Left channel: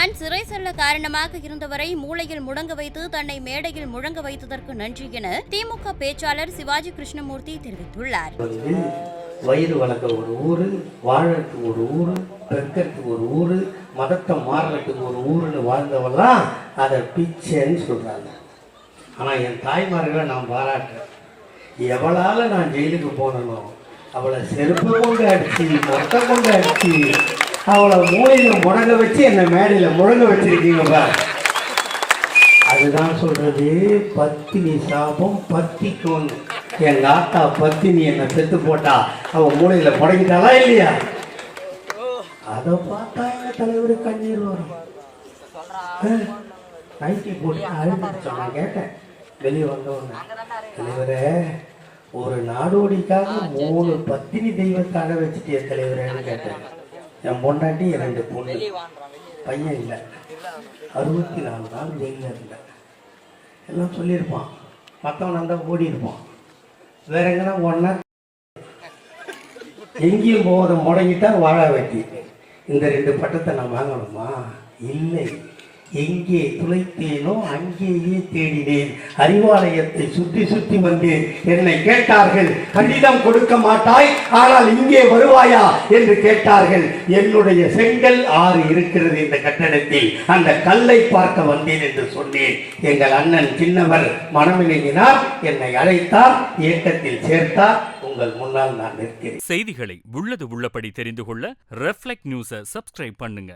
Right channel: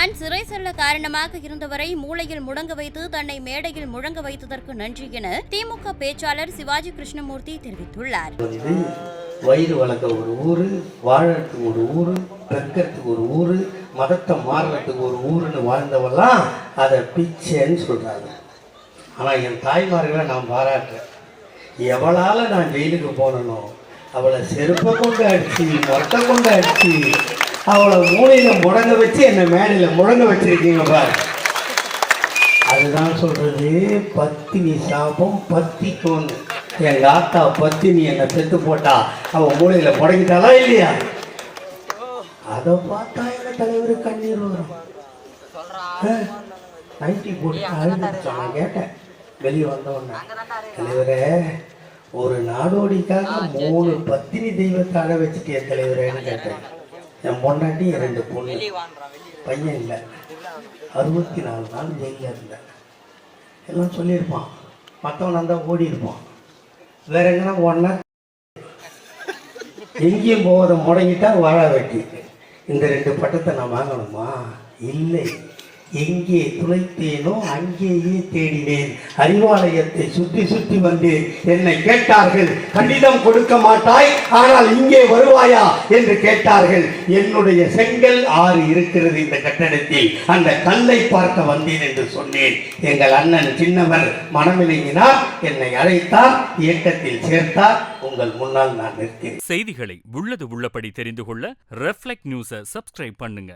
தான் சிறை செல்ல காரணமாக இருந்தவரை மூளையில் முழங்க வைத்து தன்னை மேடையில் முழங்க வைத்ததற்கு நன்றி என திமுக பேச்சாளர் சிவாஜி கிருஷ்ணமூர்த்தி தெரிவித்துள்ளார். வயிறு வளர்க்க ஒரு ஊரு, வாழறதுக்கு ஒரு ஊரு, பெருக்கிறதுக்கு ஒரு ஊரு, மதத்தை மாறுறதுக்கு ஒரு ஊருன்னு வாழ்ந்தவெல்லாம் அதை பிச்சைன்னு சொல்றாங்க. ஆனா என் தாய்மார்களை நான் பாராட்டுறேன். எவளால நான் ஜெயிலுக்கு போனனோ அவளை செருப்பை கொண்டு அடிச்சு, மொட்டை கொண்டு அடிச்சு, அவளை மூளையில முழங்க வச்சு என்னை மேடையில முழங்க வச்சிருக்கீங்க பாரு. அதுதான் சொல்றது, பத்தினி சாபம் பத்திக்கும்னு. எங்க ஆத்தா பத்தினி என்னை செத்து போட்டா அவன் மூளையில முடங்கிட்டாளா இல்லையா? அதை பார்த்தா எங்க தலைவர் கண்ணீர் வரும். நைட்டி போட்டு அழுதுச்சா? நான் கேட்டேன் வெளியே வந்தவொன்னு, தலைவரே ஒரு நாடோடிக்காக 3 பத்தினி தெய்வத்தை அழ வச்சுட்டு என் தலைவரேன்னு கேட்டேன். என் பொண்டாட்டி 2 பொண்ணு, பையன் இல்லை, 64 நாள் ஜெயிலில் இருந்த எல்லாம் சொல்லியிருப்பான். மற்றவன் வந்தால் ஓடி இருப்பான். வேற எங்கன்னா ஒன்னா எங்கேயும் போவதை முடங்கிட்டா வாழ வெட்டி. இந்த 2 பட்டத்தை நான் வாங்கணுமா? இல்லை. எங்கே துளைத்தேனோ அங்கேயே தேடினேன். அறிவாலயத்தை சுற்றி சுற்றி வந்தேன். என்னை கேட்டார்கள், கடிதம் கொடுக்க மாட்டாய், ஆனால் இங்கே வருவாயா என்று கேட்டார்கள். என்னுடைய செங்கல் 6 இருக்கிறது இந்த கட்டடத்தில், அந்த கல்லை பார்க்க வந்தேன் என்று சொன்னேன். எங்கள் அண்ணன் சின்னவர் மனமிலங்கினார், என்னை அழைத்தார், இயக்கத்தில் சேர்த்தார். உங்கள் முன்னால் நான் நிற்கிறேன். செய்திகளை உள்ளது உள்ளபடி தெரிந்து கொள்ள ரெஃப்ளெக்ட் நியூஸை சப்ஸ்கிரைப் பண்ணுங்க.